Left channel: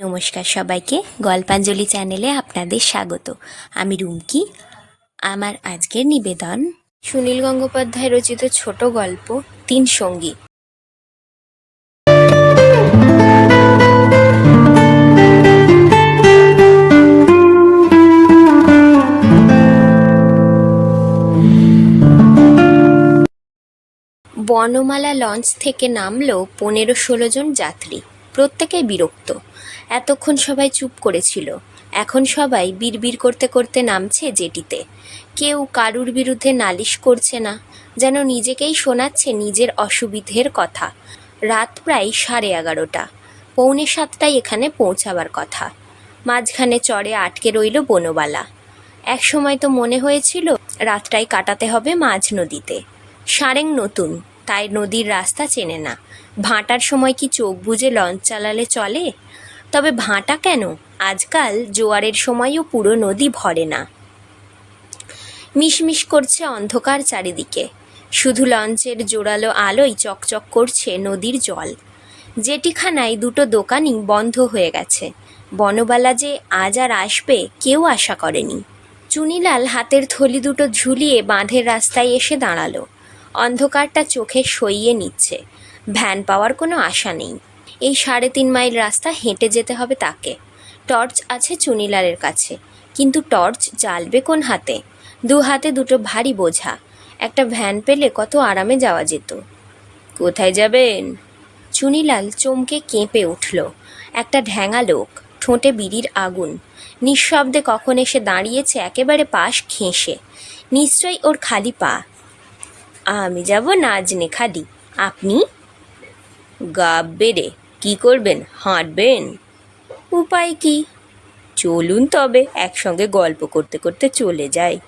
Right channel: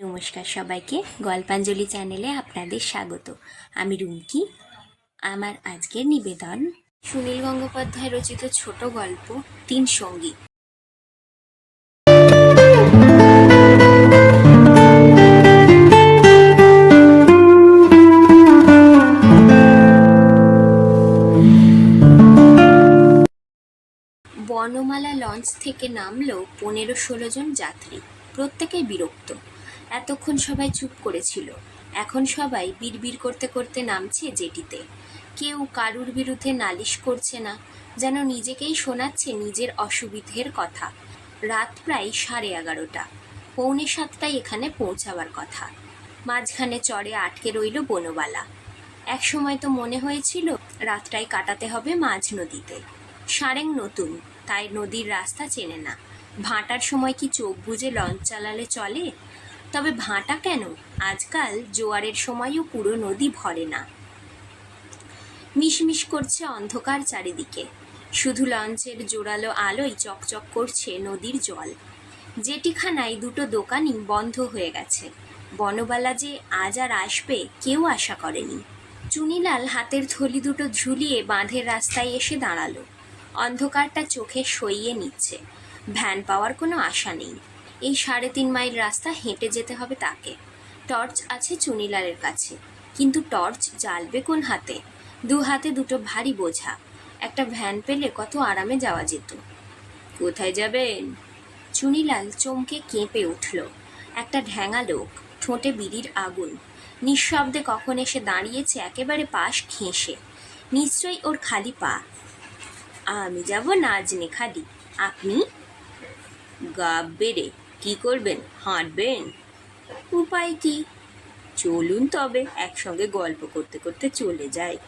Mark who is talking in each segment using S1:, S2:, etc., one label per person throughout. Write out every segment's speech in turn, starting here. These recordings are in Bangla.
S1: নমস্কার সবাইকে, গল্পাঞ্জলি চ্যানেলে আপনাদের স্বাগত। আমি রুমকি। আমার আজকের নিবেদন, সুনীল গঙ্গোপাধ্যায় রচিত ছোট গল্প, তিন সঙ্গী। বনমালা লঞ্চ থেকে নামলো পনেরো ষোলো জন যাত্রী। প্রত্যেকেই বিরক্ত। এতক্ষণ সবাই চুপ করেছিল। এখন সবাই বিড়বিড় করতে করতে নামছে জেটিতে। কেউ কারুর বিরুদ্ধে নালিশ করছে না, যেন নিজেকেই শোনাচ্ছে নিজের অসুবিধের কথা। রাত প্রায় সাড়ে এগারোটা। পৌনে সাতটায় এখানে পৌঁছাবার কথা। মাঝখানে চড়ে আটকে রইল বনবালা। এক সময় তো মনে হয়েছিল, রাতটাই কাটাতে হবে মাঝ নদীতে। সারেং নতুন, তাই নদীর রাস্তা চেনে না। ভাঁটার সময় কি চোখ বুজে লঞ্চ চালালে চলে? তবে ভাঁটা কেন? আজকাল জোয়ারের সময়ও পুরো নদী ভরে না। মিশমিশ করছে অন্ধকার চারিদিকে। শুধু লঞ্চের জোরালো আলোয় চকচক করছে নদীর জল। জেটিখানায় দুটো দোকানই বন্ধ হয়ে গেছে। বনবালা যে আজ আর আসবে কেউ আশা করেনি। চুনিলাল হাতের থলি দুটো ঝুলিয়ে বাঁধের রাস্তায় এসে দাঁড়াল। অন্ধকারটা চোখে সইয়ে নিচ্ছে। ভ্যান পাওয়ার কোনো আশা নেই। এই সাড়ে তিন মাইল রাস্তা হেঁটে যেতে হবে তাকে। টর্চ আছে চুনিলালের কাছে। কিন্তু টর্চ জ্বালবে কোন হাতে? দু হাতে দুটো ভারী বোঝা। একটা ভ্যান পেলে কত আরামে যাওয়া যেত। কোথায় যাবেন? চুনিলাল চমকে কেঁপে উঠল। একটা ঢ্যাঙা লোক, ঠোঁটে বিড়ির আগুন। নিঃশব্দে কখন এসে দাঁড়িয়েছে একেবারে পাশ ঘেঁষে। নিশ্চয়ই ওর খালি পা। আমি যাব নাজনে খালি। আপনি? গা বেড়ে কী করবেন? হাঁটবেন? উপায় কি? চলুন তবে একসঙ্গে গল্প করতে করতে চলে যাই।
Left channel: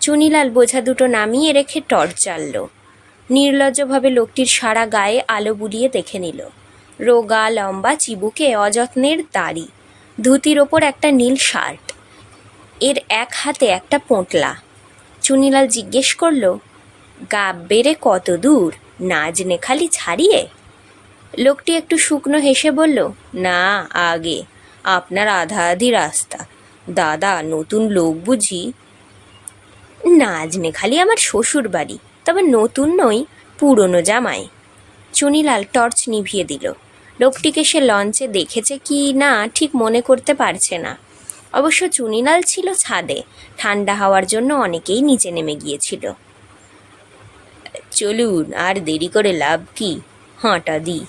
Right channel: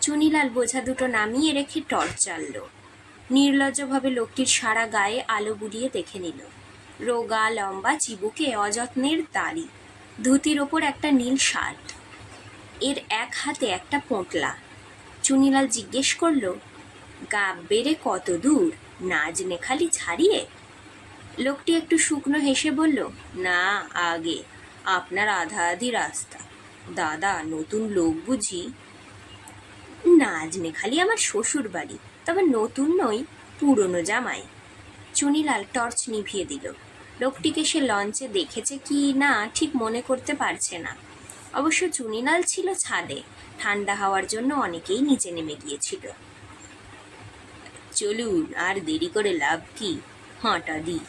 S1: চুনিলাল বোঝা দুটো নামিয়ে রেখে টর্চ জ্বালল নির্লজ্জভাবে লোকটির সারা গায়ে আলো বুলিয়ে দেখে নিল। রোগা, লম্বা, চিবুকে অযত্নের দাড়ি, ধুতির ওপর একটা নীল শার্ট, এর এক হাতে একটা পোঁটলা। চুনিলাল জিজ্ঞেস করল গা বেড়ে কত দূর? নাজনে খালি ছাড়িয়ে? লোকটি একটু শুকনো হেসে বলল, না, আগে। আপনার আধা আধি রাস্তা। দাদা, নতুন লোক বুঝি? নাজনে খালি আমার শ্বশুর বাড়ি তবে নতুন নই, পুরনো জামাই। চুনিলাল টর্চ নিভিয়ে দিল। লোকটিকে সে লঞ্চে দেখেছে কি না, ঠিক মনে করতে পারছে না। অবশ্য চুনিলাল ছিল ছাদে। ঠান্ডা হওয়ার জন্য অনেকেই নিচে নেমে গিয়েছিল। চলুন, আর দেরি করে লাভ কি? হাঁটা দি।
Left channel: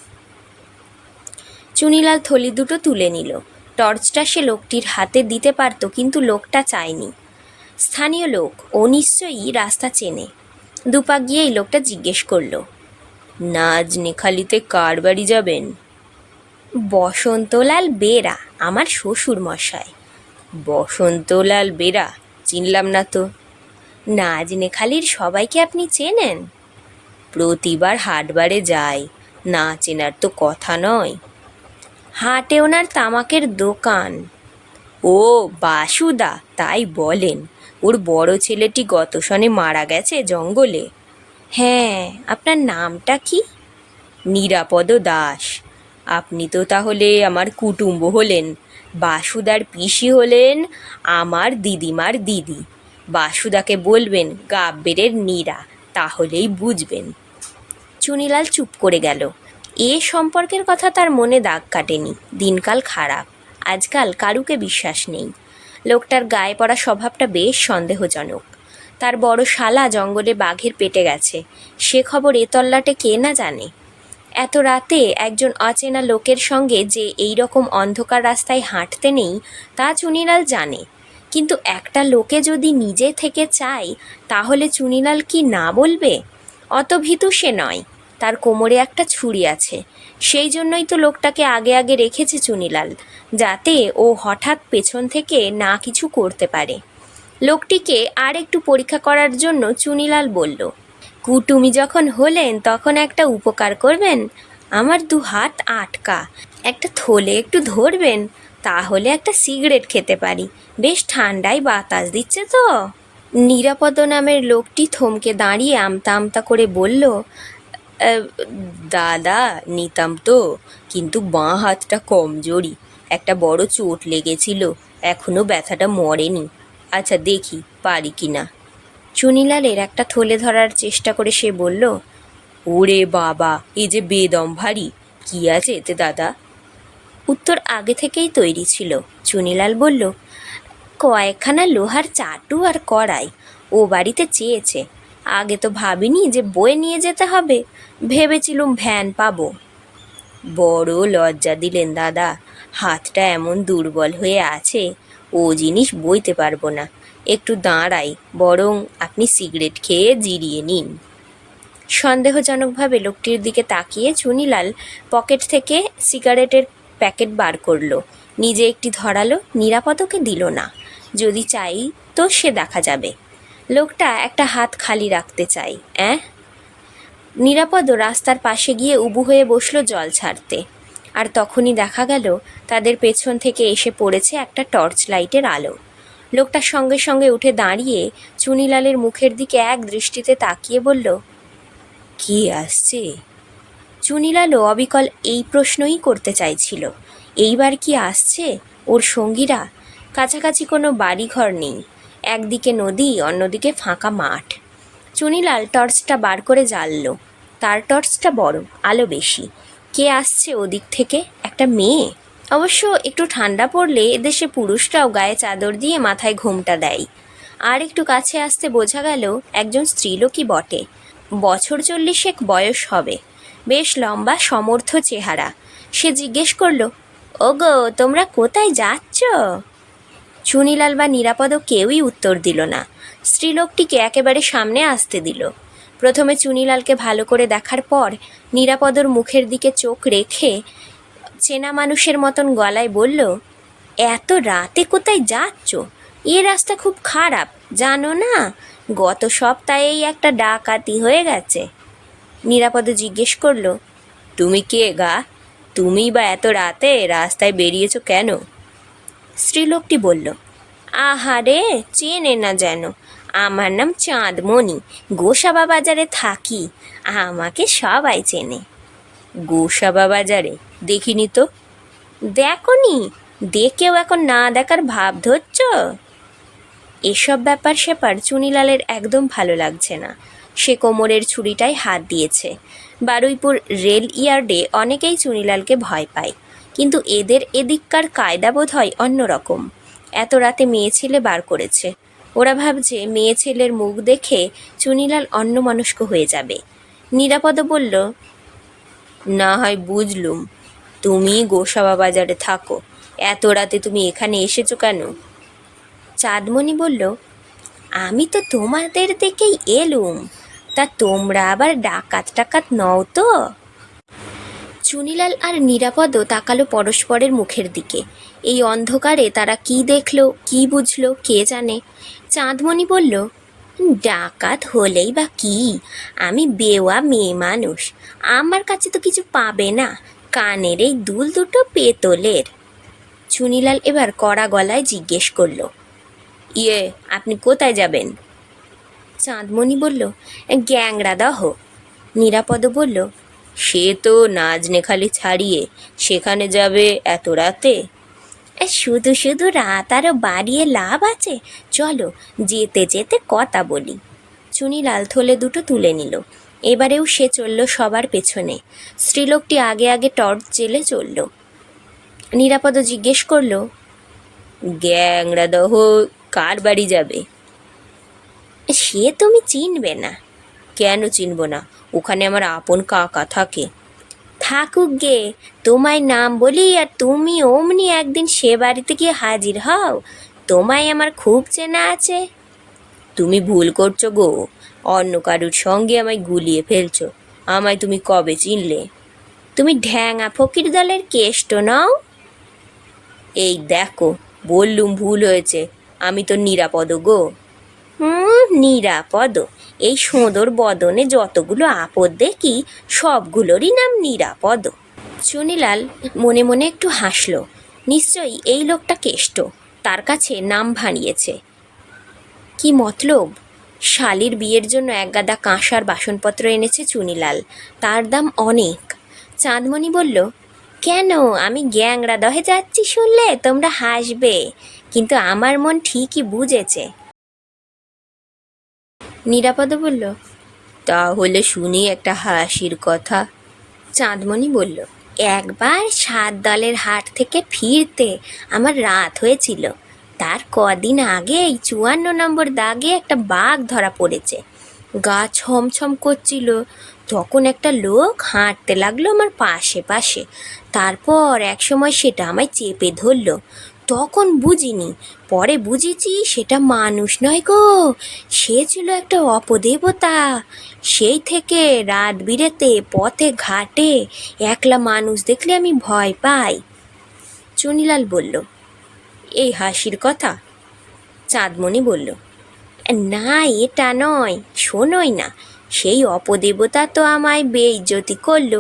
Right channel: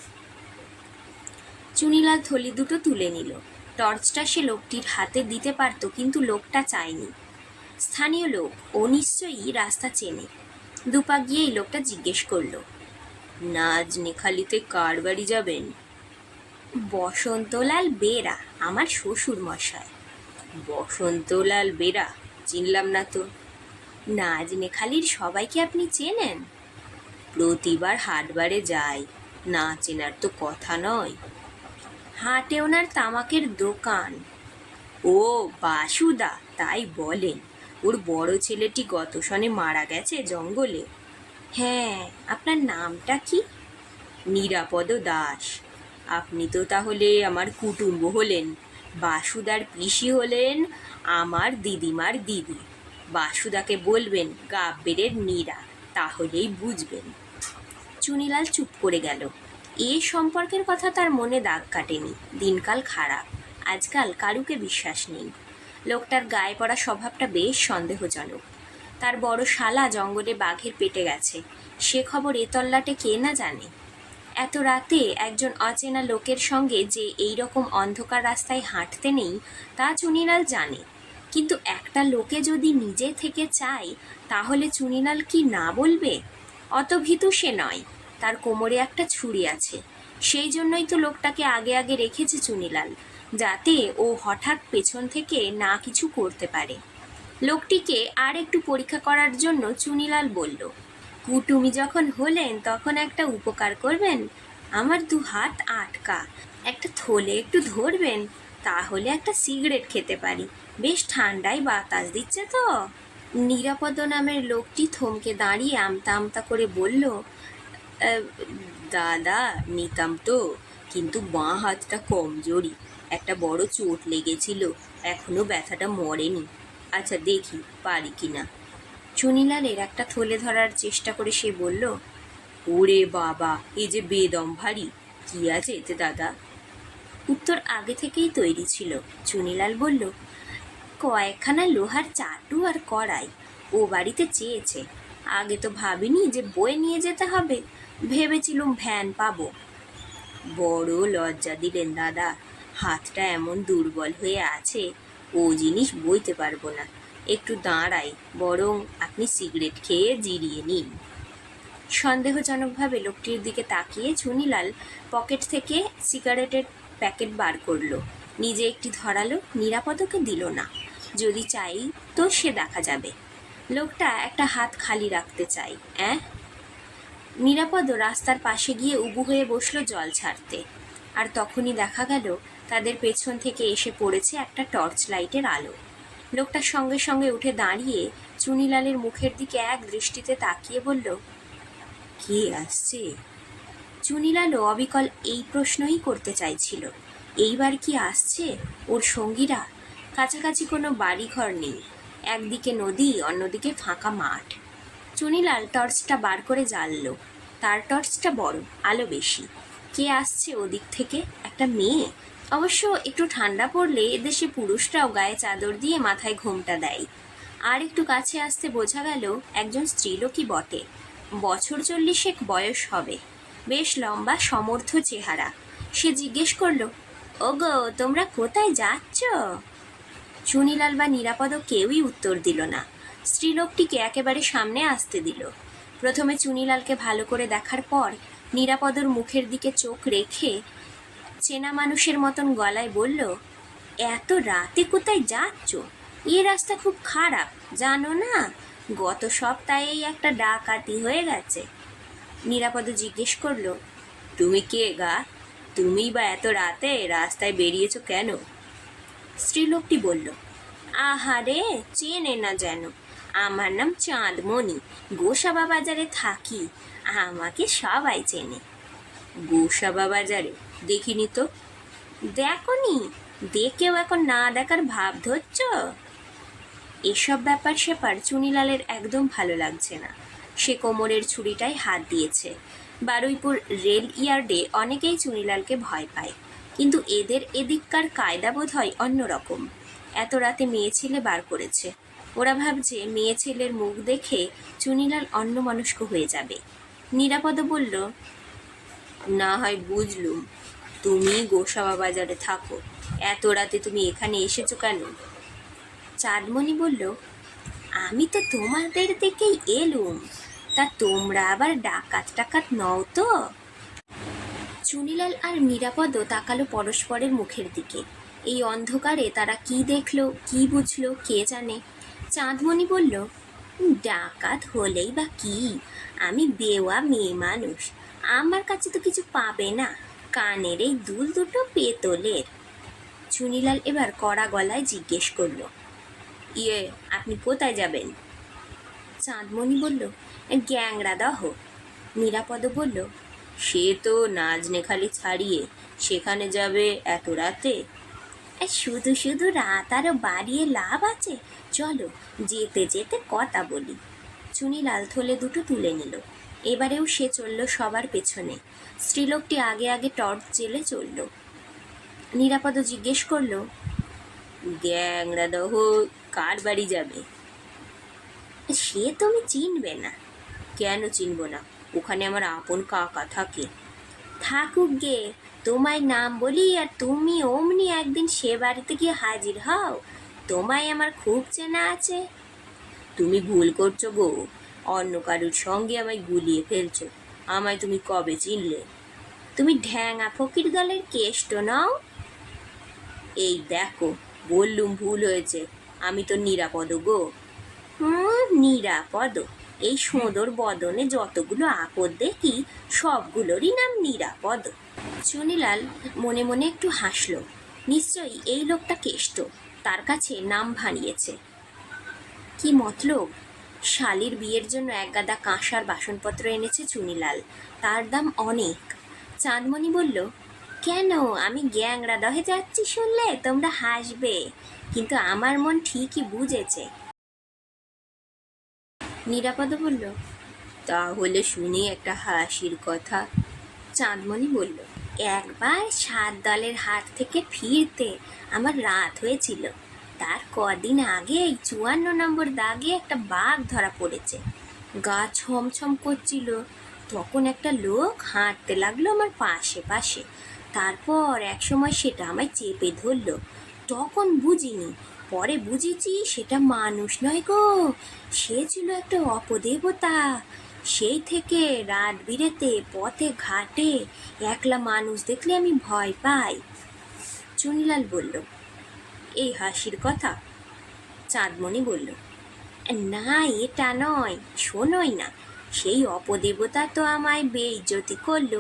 S1: চুনিলাল থলি দুটো তুলে নিল। টর্চটা সে লোকটির হাতে দিতে পারত, কিন্তু লোকটা চায়নি। স্থানীয় লোক, ও নিশ্চয়ই রাস্তা চেনে। দুপাক গিয়ে এই লোকটা জিজ্ঞেস করল নাজ নেখালিতে কার বাড়ি যাবেন? বসন্তলাল বেরা, আমার শ্বশুর মশাই। বসন্তলাল বেরা, চিনলাম না তো। নাজ নেখালির সবাইকে আপনি চেনেন? প্রতিবার হাটবারে যাই, না চেনার তো কথা নয়। হাটে ওনার তামাকের দোকান। ও, বাসুদা, তাই বলেন। ওর বড় ছেলেটি গত সনে মারা গেছে জঙ্গলে। হ্যাঁ আপনার নামটা কি? নিরাপদ দাস। আপনি তো তাহলে আমার কুটুম্ব হলেন। বাসুদার পিসি হলেন আমার দিদিমার দিদি। বাসুদাকে বলবেন, গাব্বেরের নীরা। তাহলেই বুঝবেন। চুনিলাল চুপ করে গেল। এ সম্পর্কের কথা তার মনে দাগ কাটেনি। দিনকাল খারাপ। আজকাল কারুকে বিশ্বাস নেই। লোকটার গায়ে পড়া স্বভাবটা বেশ সন্দেহজনক। তার বড় শালা জঙ্গলে বাঘের পেটে গেছে। সে খবর এ তল্লাটে কে না জানে? এত রাতে একজন অচেনা লোকের সঙ্গে যে এই রকম অন্ধকার রাস্তায় হাঁটতে নেই, তা চুনিলাল জানে। কিন্তু একটা লোকে যদি নিজে থেকে চায়, তাহলে চুনিলাল কি না বলবে? অত ভীতু সে নয়। তার কোমরে একটা ছুরি আছে। সেই জন্যই তো লোকটাকে আগে আগে রেখেছে চুনিলাল, যাতে ও হঠাৎ পেছন থেকে না কিছু করতে পারে। লোকটিকে আর একটু পরীক্ষা করার জন্য চুনিলাল বলল, কুটুমি যখন হলেন তখন একটা উপকার করবেন? আমার দু হাত আটকা। একটা থলে একটু ধরবেন, তাহলে একটা সিগারেট খেতে পারি। বেশ ঠান্ডায় বাতাস দিচ্ছে তো? নিরাপদ নামের লোকটি থমকে দাঁড়িয়ে আমতা আমতা করে বলল দাদা, নিতাম তো, কিন্তু বাঁ হাতটা কমজোরি। একটা বড় চোট লেগেছিল এখনও ব্যথাটা মরেনি। আচ্ছা দেখি পারি কি না চুনিলালের একটা থলে ধরার চেষ্টা করে সে বলল, ওরে বাবা এই যে বেদম ভারী, কি আছে এতে দাদা? উত্তর আগে থেকেই তৈরি ছিল। চুনিলাল বলল, কয়েকখানা লোহার চাটু আর কড়াই, ও বাড়িতে চেয়েছে। আগে তো ভাবিনি যে বয়ে নিয়ে যেতে হবে। ভেবেছিলুম ভ্যান পাবো। বড় লজ্জা দিলেন দাদা। হাতটা এমন দুর্বল হয়ে আছে, ও জিনিস বইতে পারব না। একটু দাঁড়াই, বরং আপনি সিগারেট খেয়ে জিরিয়ে নিন। সন্দেহজনকভাবে লোকটির দিকে তাকিয়ে চুনিলাল পকেট থেকে সিগারেটের প্যাকেট বার করল। নিজে একটি ধরালো নিরাপদকে দিল না। যদি চাই তো সে দেখা যাবে। লোকটা একটা হাত খালি রাখতে চাই, অ্যাঁ? নিরাপদ রাস্তার পাশে গিয়ে উবু হয়ে বসল জল ছাড়তে। আর তখনই দেখা গেল তাদের পেছন থেকে এসে পড়েছে একটা টর্চ লাইটের আলো। লোকটার সঙ্গে সঙ্গে উঠে দাঁড়িয়ে চুনিলালের মুখের দিকে এক দৃষ্টিতে তাকিয়ে বলল, কি আসছে? চুনিলালও অবিকল এই প্রশ্নই করতে চাইছিল, এইবার কি আসছে? ওর সঙ্গীরা? কাছাকাছি কোনো বাড়িঘর নেই। একদিকে নদী, অন্যদিকে ফাঁকা মাঠ। চুনিলাল টর্চটা বার করে জ্বাললো। তার টর্চটা বড়, আলো বেশি। কে আসছে ওদিক থেকে? একটা মেয়ে? অবশ্য একটু ঠান্ডা পড়লে এদেশে পুরুষরাও গায়ে চাদর দিয়ে মাথায় ঘুমটা দেয়। আর একটু কাছে আসতে বোঝা গেল, একজন স্ত্রীলোকই বটে। বছর চল্লিশেক বয়স হবে। বেশ লম্বা, সমর্থ চেহারা। সে জিজ্ঞেস করল, ওগো, তোমরা কোথায় যাচ্ছ? চুনিলাল বা নিরাপদ কেউই উত্তর দিল না। স্ত্রীলোকটিকে একেবারে সামনে আসতে দিল। প্রথমে চুনিলালকে ভালো করে দেখার পর নিরাপদর মুখের দিকে চোখ রেখে চেনা মানুষের মতন গলায় বলল, এত রাতে কোথায় যাচ্ছ? এ রাস্তা খুব খারাপ, জানো না? গত সপ্তাহেই একটা ডাকাতি হয়ে গেছে। নিরাপদ জিজ্ঞেস করল, তুমি কে গা? তুমি বা এত রাতে রাস্তায় বেরিয়েছ কেন? স্ত্রীলোকটি বলল, আহারে, চেনে না যেন। আমার নাম চাঁদমণি। গোসাবা বাজারে থাকি। আমাকে সবাই চেনে। গোসাবা বাজারে দেখিনি তো? দেখো দেখনি? দেখেও এখন না দেখার ভাব ধরছ? এসব ব্যাপার সেপার চুনিলালের একদম ভালো লাগছে না। সে কোমরের ছুরিটায় হাত দিয়েছে। বারুইপুর রেল ইয়ার্ডে অনেকেই চুনিলালকে ভয় পায়। কিন্তু এদের এদিককার কায়দা বোধ হয় অন্যরকম। এত রাতে মেয়ে ছেলে বার করেছে। ওরা ভাবছে মেয়ে ছেলের মুখ দেখে চুনিলাল অন্যমনস্ক হয়ে যাবে। নিরাপদ বলল, না হয় বুঝলুম। তুমি গোসাবা বাজারে থাকো। এত রাতে তুমি এখানে এসেছ কেন? চাঁদমণি বলল, আমি তো তোমাদের দেখেই এলুম। তা তোমরা আবার ডাকাত টাকাত নও তো? চুনিলাল আর নিরাপদ তাকালো পরস্পরের মুখের দিকে। এই অন্ধকারে তারা কি দেখল, কি বুঝলো, কে জানে? চাঁদমণি বলল, ডাকাত হলেই বা কি? আমি বেওয়া মেয়ে মানুষ। আমার কাছে তো কিছু পাবে না। কানের এই দুল দুটো পেতলের। চুনিলাল এবার কড়া গলায় জিজ্ঞেস করল ইয়ে আপনি কোথায় যাবেন? চাঁদমণি বলল গ্যাংরা দহ। নিরাপদ বলল সে তো নাজনেখালি ছাড়িয়ে সেখানে যাবে এত রাতে? এ, শুধু শুধু রাত আরও বাড়িয়ে লাভ আছে। চলো যেতে যেতে কথা বলি। চুনিলাল থলে দুটো তুলে নিল। এবারেও সে চলল সবার পেছনে। স্ত্রীলোকটি আগে আগে টর্চ জেলে চলল। নিরাপদ জিজ্ঞেস করল গ্যাংরা দহ কার বাড়ি যাবে? সে তুমি চিনবে না। কেন চিনব না? ওখানে আমার আপন কাকা থাকে। থাকুক গে, তোমায় নাম বলি আর তুমি অমনি একদিন সে বাড়িতে গিয়ে হাজির হও। তোমায় আমার খুব চেনা আছে। তুমি ভুল করছ গো। অন্য কারুর সঙ্গে আমায় গুলিয়ে ফেলছো। আমায় তুমি কবে চিনলে? তুমি ঢ্যাঙা ফকির দলের কেষ্ট নও? এই দেখো, বললুম ভুল হয়েছে। আমি তো নিরাপদ গো। নিরাপদ। এই সোঁদর বদনে যতগুলো আপদ দেখি, সবগুলোরই নাম নিরাপদ। চুনিলাল মনে মনে একটু হাসল। নিশ্চয়ই এই লোকটা কেষ্ট। তার কাছে নাম ভানিয়েছে কি মতলব? শালির বিয়ের জন্য এক গাদা কাঁসার বাসনপত্র এনেছে চুনিলাল তার দাম অনেক। চাঁদমণি বলল, কেন? আমি গ্যাংরা দহে যাচ্ছি শুনলে তোমরা হাসবে। কিন্তু আমার মন ঠিকই বুঝেছে। নিরাপদ বলল, তাহলে শুনি একটা হাসির কথা। চাঁদমণি বলল, একবার সাত দলের হাট থেকে ফিরতে আমার রাত হয়েছিল। তার কদিন আগে এই চুয়ান্ন নম্বর দাগে একটা বাঘ ধরা পড়েছে। গা ছমছম করছিল। তখন একটা লোক হাঁটতে লাগল আমার পাশে পাশে। তারপর একসময় সেটা আমায় চেপে ধরলো। তখন বুঝিনি। পরে বুঝেছি সেটা মানুষ নয় গো। সে ছিল একটা অপদেবতা। সেই থেকে রাত বিরেতে পথে ঘাটে একলা মানুষ দেখলে আমি ভয় পাই। চুনিলাল বলল, এই হাসির কথা? চাঁদমণি বলল, না, এটা নয়, শোনোই না। সেই অপদেবতা তো আমায় বেইজ্জতি করল।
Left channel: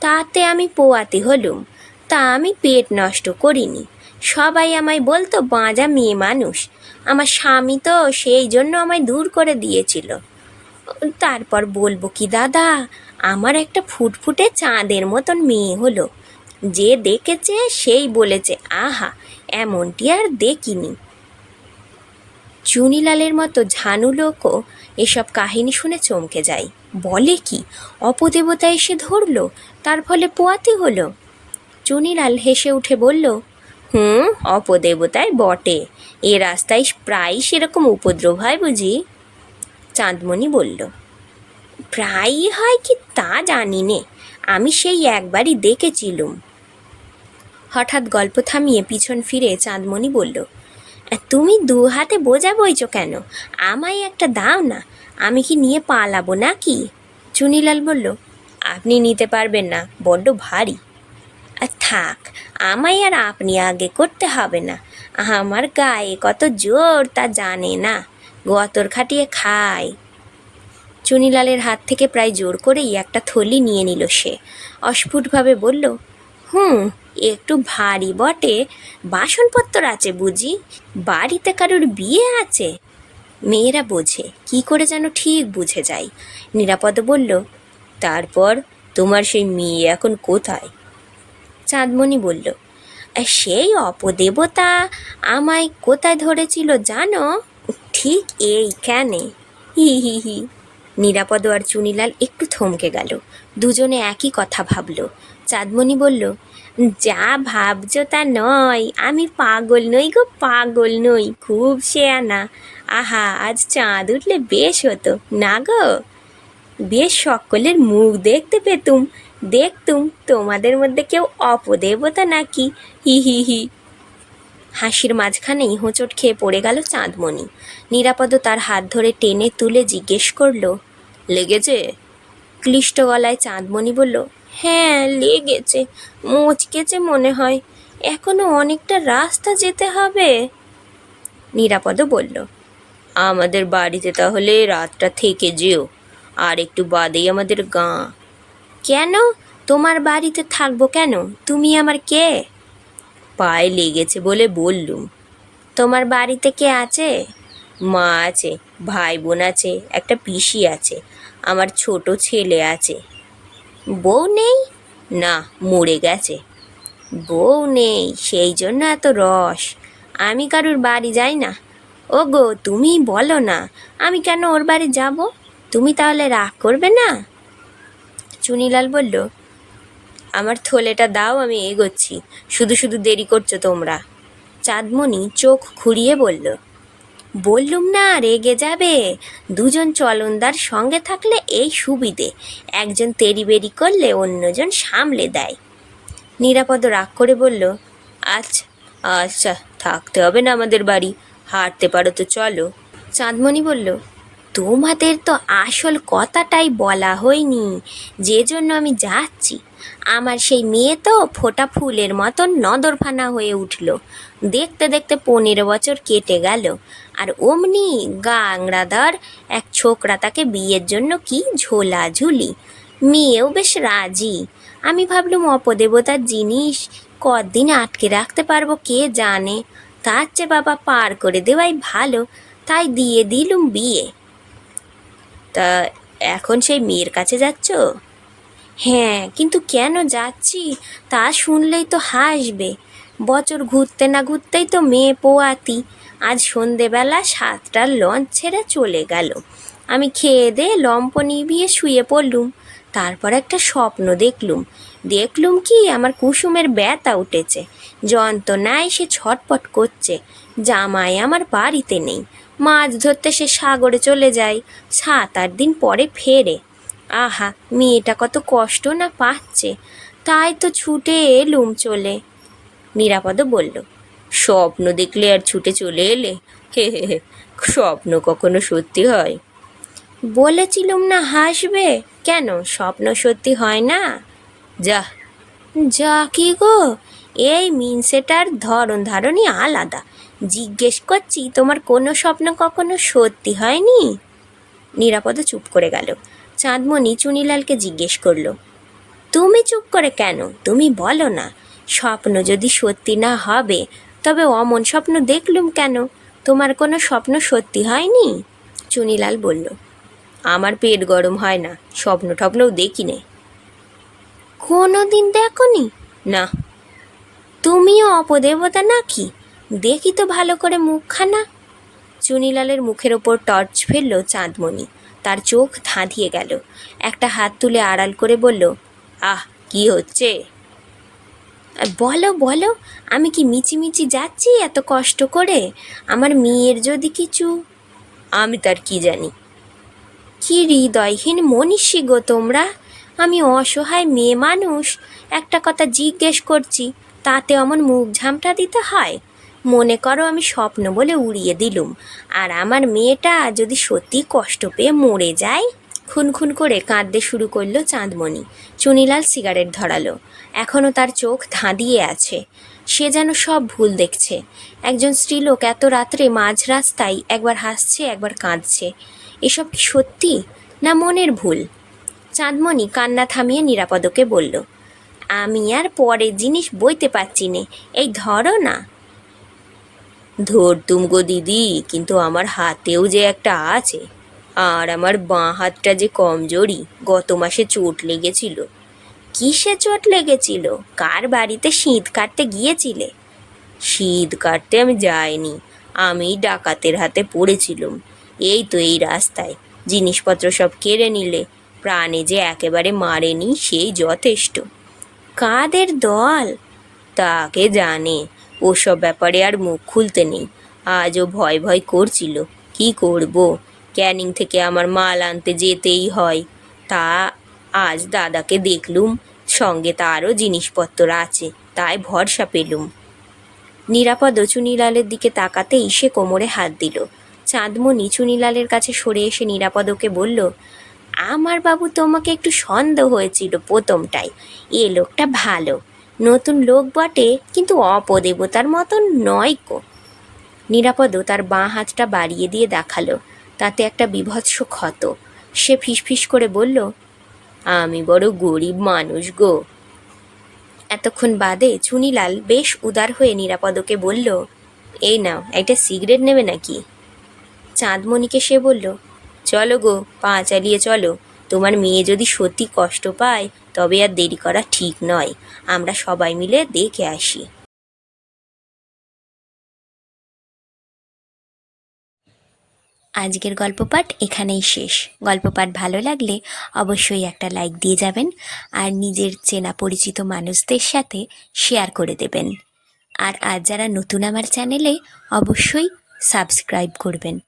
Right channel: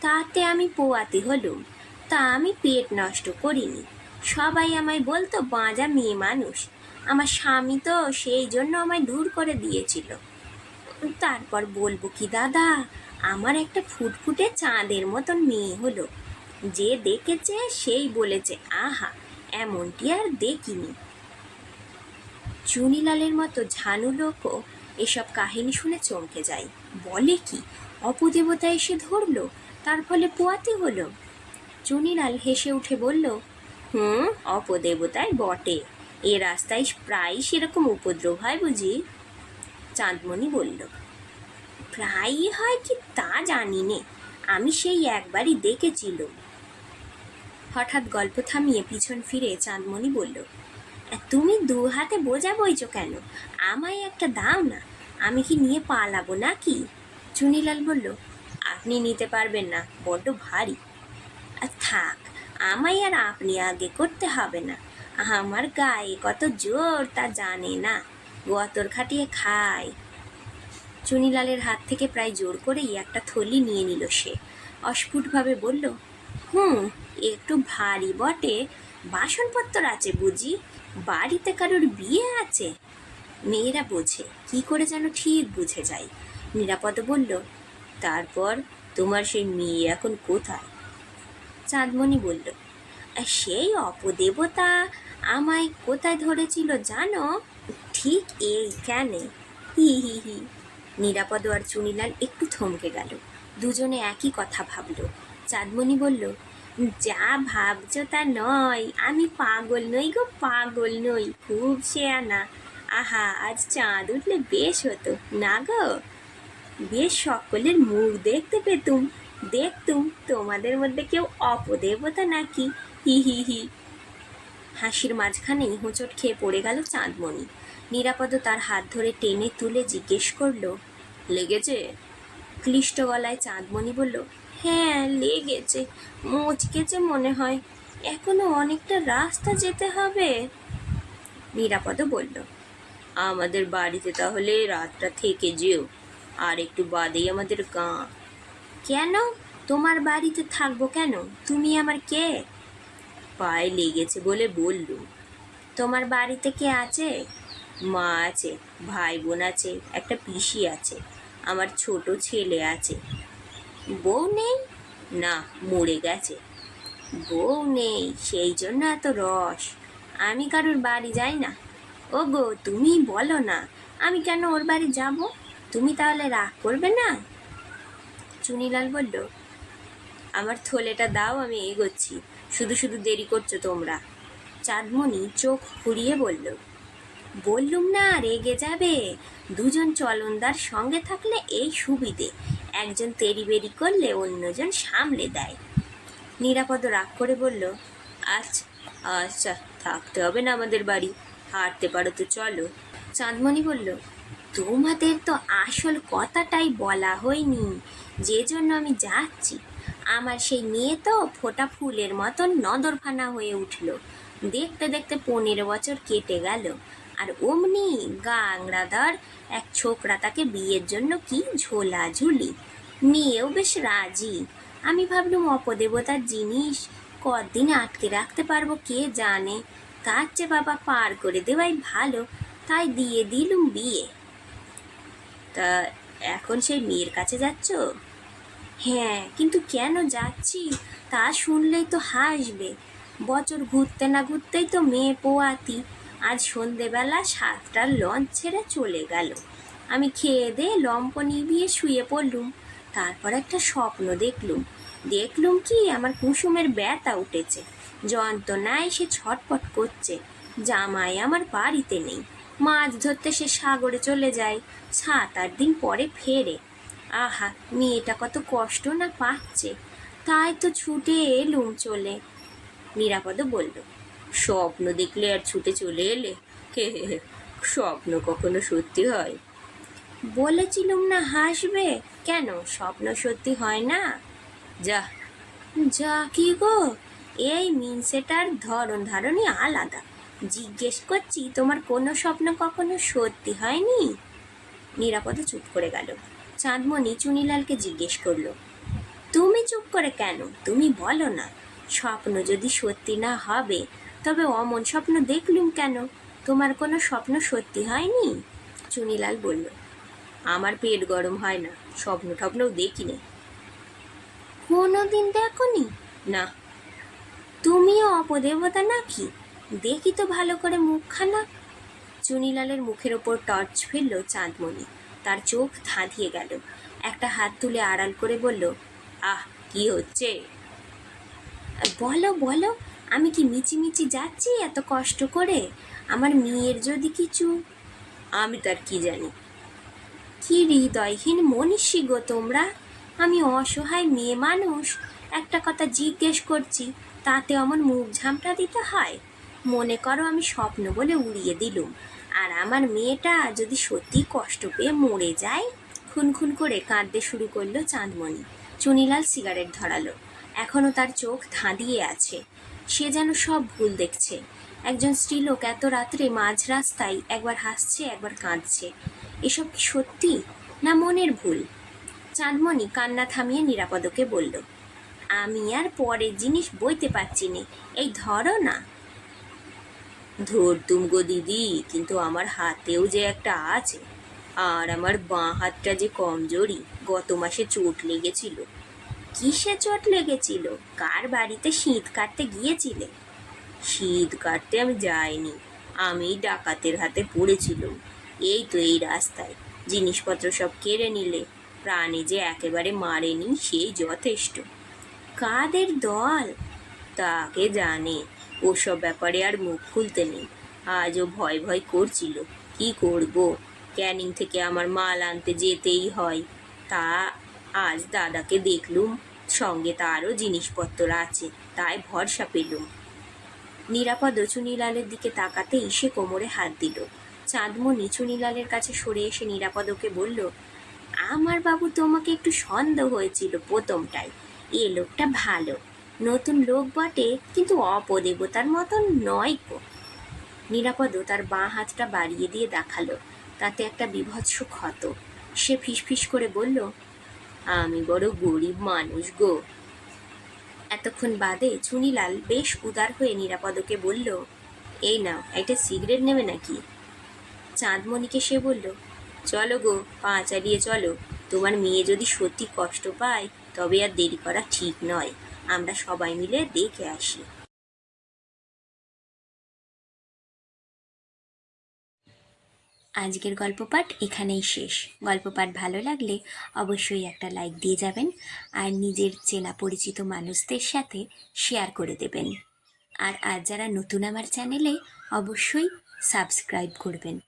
S1: তাতে আমি পোয়াতে হলুম। তা আমি পেট নষ্ট করিনি। সবাই আমায় বলতো, বাঁজা মেয়ে মানুষ। আমার স্বামী তো সেই জন্য আমায় দূর করে দিয়েছিল। তারপর বলব কি, দাদা, আমার একটা ফুটফুটে চাঁদের মতন মেয়ে হলো। যে দেখেছে সেই বলেছে, আহা, এমনটি আর দেখিনি চুনিলালের মতো ঝানু লোকও এসব কাহিনী শুনে চমকে যায়। বলে কি, অপদেবতা এসে ধরলো, তার ফলে পোয়াতে হলো? চুনিলাল হেসে উঠে বলল হুম, অপদেবতায় বটে। এ রাস্তায় প্রায়ই সেরকম উপদ্রব হয় বুঝি? চাঁদমণি বলল, প্রায়ই হয় কি তা জানি নে। আমি সেই একবারই দেখেছিলুম। হঠাৎ গল্প থামিয়ে পিছন ফিরে চাঁদমণি বলল, তুমি দু হাতে বোঝা বইছ কেন? আমায় একটা দাও না। আমি কি নিয়ে পালাবো নাকি? চুনিলাল বলল, আপনি নিতে পারবেন না, বড্ড ভারী। থাক, আমায় আর আপনি আগে করতে হবে না। আমার গায়ে কত জোর তা জানে না। গতর খাটিয়ে খায় চুনিলালের হাত থেকে প্রায় জোর করেই একটা থলি নিয়ে নিল সে। অস্ফুটভাবে বলল, হুম, একটু ভারী বটে। বাসনপত্র আছে বুঝি? বাড়িতে কারোর বিয়ে আছে? মেয়েরা বোঝে, কি করে যেন ঠিক বুঝে যায়। নিরাপদ বলল, তারপর তোমার সেই মেয়ে এখন কোথায়? চাঁদমণি বলল সেই অপদেবতা আমায় কোথায় ধরেছিল জানো? ঠিক এইখানে। হি হি হি। নিরাপদ আর চুনিলাল একটু থমকে গেল। দুজনে একই কথা ভাবল। চাঁদমণি বলল, যা ভাবছ তা নয়, আমি পাগল নই গো, পাগল নই, খুব শেয়ানা। আহা, আজ চাঁদ উঠলে বেশ হতো, না গো? বেশ সকলের মুখ দেখতে পেতুম দেখতুম তোমাদের মধ্যে কেউ অপদেবতা নাকি? হি হি হি। হাসির মাঝখানেই হোঁচট খেয়ে পড়ে গেল চাঁদমণি। নিরাপদ তার হাত ধরে টেনে তুলে জিজ্ঞেস করল, লেগেছে? ক্লিষ্ট গলায় চাঁদমণি বলল হ্যাঁ লেগেছে, মুচকেছে মনে হয়। এখনও অনেকটা রাস্তা যেতে হবে। নিরাপদ বলল, আমাদের বাড়িতে তাহলে রাতটা থেকে যেও। আর একটু বাদেই আমাদের গাঁ কেন? তোমার বাড়িতে থাকব কেন? তুমি আমার কে? পায়ে লেগেছে বলে বললুম। তোমার বাড়িতে কে আছে? মা আছে ভাই বোন আছে, একটা পিসি আছে, আমার ছোট ছেলে আছে। বউ নেই? না, মরে গেছে। বউ নেই, সেই জন্য এত রস। আমি কারুর বাড়ি যাই না। ও গো তুমি বলো না। আমি কেন ওর বাড়ি যাব? তুমি তাহলে রাগ করবে না? চুনিলাল বলল, আমার থলেটা দাও, আমি এগোচ্ছি। শুধু শুধু দেরি করছ তোমরা। চাঁদমণি চোখ খুঁড়িয়ে বলল, বললুম না, রেগে যাবে। দুজন চলনদার সঙ্গে থাকলে এই সুবিধে। একজন তেরি বেরি করলে অন্যজন সামলে দেয়। নিরাপদ রাগ করে বলল আচ্ছা আচ্ছা থাকতে হবে না আমাদের বাড়ি। হাঁটতে পারো তো চলো। চাঁদমণি বলল তোমাদের তো আসল কথাটাই বলা হয়নি। যে জন্য আমি যাচ্ছি। আমার সেই মেয়ে তো ফোটা ফুলের মতন নদরফানা হয়ে উঠল। দেখতে দেখতে পনেরো বছর কেটে গেল। আর অমনি গাংরাদার এক ছোকরা তাকে বিয়ের জন্য কি ঝোলাঝুলি। মেয়েও বেশ রাজি। আমি ভাবলুম অপদেবতার জিনিস কদিন আটকে রাখতে পারব কে জানে। তার চেয়ে বাবা পার করে দেওয়াই ভালো। তাই দিয়ে দিলুম বিয়ে। তা এখন সেই মেয়ের কাছে যাচ্ছ? হ্যাঁ কিন্তু কেন যাচ্ছি? তা শুনলেই তো হাসবে। বছর ঘুরতে না ঘুরতেই তো মেয়ে পোয়াতি। আজ সন্ধেবেলা সাতটার লঞ্চ ছেড়ে চলে গেল। আমি খেয়ে দিয়ে লম্প নিভিয়ে শুয়ে পড়লুম। তারপর একটা স্বপ্ন দেখলুম। দেখলুম কি, আমার কুসুমের ব্যথা উঠেছে। যন্ত্রণায় সে ছটপট করছে। জামাই আমার বাড়িতে নেই। মাছ ধরতে সে সাগরে চলে যায়, সাত আট দিন পরে ফেরে। আহা, মেয়েটা কত কষ্ট না পাচ্ছে, তাই তো ছুটে এলুম চলে। নিরাপদ বলল, স্বপ্ন দেখলে আর ছুটে চলে এলে? হে হে হে, স্বপ্ন কখনো সত্যি হয়? বলেছিলুম না হাসবে? কেন? স্বপ্ন সত্যি হয় না? যা। যা কি গো? এই মিনসেটার ধরন ধারণই আলাদা। জিজ্ঞেস করছি, তোমার কোনো স্বপ্ন কখনো সত্যি হয়নি? নিরাপদ চুপ করে গেল। চাঁদমণি চুনিলালকে জিজ্ঞেস করল, তুমি চুপ করে কেন? তুমি বলো না, স্বপ্ন যদি সত্যি না হবে, তবে অমন স্বপ্ন দেখলুম কেন? তোমার কোনো স্বপ্ন সত্যি হয়নি? চুনিলাল বলল, আমার পেট গরম হয় না, স্বপ্ন টপ্নও দেখি নে কোনো দিন দেখনি? না। তুমিও অপদেবতা নাকি? দেখি তো ভালো করে মুখখানা। চুনিলালের মুখের ওপর টর্চ ফেলল চাঁদমণি। তার চোখ ধাঁধিয়ে গেল। একটা হাত তুলে আড়াল করে বলল, আহ, কি হচ্ছে? বলো বলো, আমি কি মিচিমিচি যাচ্ছি এত কষ্ট করে? আমার মেয়ের যদি কিছু? আমি তার কি জানি। কি হৃদয়হীন মনীষী গো তোমরা! আমি অসহায় মেয়ে মানুষ। একটা কথা জিজ্ঞেস করছি, তাতে অমন মুখ ঝামটা দিতে হয়? মনে করো আমি স্বপ্ন বলে উড়িয়ে দিলুম। আর আমার মেয়েটা যদি সত্যি কষ্ট পেয়ে মরে যায়? খুনখুন করে কাঁদতে শুরু করল চাঁদমণি। চুনিলাল সিগারেট ধরালো। এখনও তার চোখ ধাঁধিয়ে আছে। সে যেন সব ভুল দেখছে। একজন স্ত্রীলোক এত রাত্রে মাঝ রাস্তায় একবার হাসছে, একবার কাঁদছে। এসব কি সত্যি না মনের ভুল? চাঁদমণি কান্না থামিয়ে নিরাপদকে বলল, আমি আর পরের জিনিস বইতে পারছি নে। এই ধরো না। ধরতুম গো দিদি, কিন্তু আমার হাতেও যে একটা আছে। আর আমার বাঁ হাতটা যে কমজোরি, গত মাসে চোট লেগেছিল। কিসে চোট লেগেছিল? কার বাড়িতে শীত কাটতে গিয়েছিলে? শীত কাটতে আমি যাইনি আমি ডাকাতের হাতে পড়েছিলাম। এই তো এই রাস্তায়, জিনিসপত্র সব কেড়ে নিলে, প্রাণে যে একেবারে মারেনি সেই যথেষ্ট। কাদের দল? তাকে জানে ওসব ব্যাপারে আর মুখ খুলতে নেই। আজও ভয় ভয় করছিল। কি করব? ক্যানিং থেকে আমার মাল আনতে যেতেই হয়। তা আজ দাদাকে দেখলুম, সঙ্গে তারও জিনিসপত্র আছে, তাই ভরসা পেলুম। নিরাপদ চুনিলালের দিকে তাকাতেই সে কোমরে হাত দিল। চাঁদমণি চুনিলালের কাছে সরে এসে নিরাপদকে বলল, আমার বাবু, তোমাকে একটু সন্দেহ হয়েছিল প্রথমটাই। এ লোকটা ভালো। নতুন লোক বটে, কিন্তু অপদেবতার মতন নয় কো নিরাপদ তার বাঁ হাতটা বাড়িয়ে দিয়ে দেখাল, তাতে একটা বিভৎস ক্ষত। সে ফিসফিস করে বলল, আমি বড় গরিব মানুষ গো। এতক্ষণ বাদে চুনিলাল বেশ উদার হয়ে নিরাপদকে বলল, এই নাও, একটা সিগারেট নেবে নাকি? চাঁদমণিকে সে বলল, চলো গো, পা চালিয়ে চলো। তোমার মেয়ে যদি সত্যি কষ্ট পায়, তবে আর দেরি করা ঠিক নয়। আমরা সবাই মিলে দেখে আসি। আজকের গল্প পাঠ এখানেই শেষ। গল্প পাঠ ভালো লাগলে অবশ্যই একটা লাইক দিয়ে যাবেন আর নিজের চেনা পরিচিত মানুষদের সাথে শেয়ার করে দেবেন। আর আজ যারা নতুন আমার চ্যানেলে, অবশ্যই সাবস্ক্রাইব করবেন।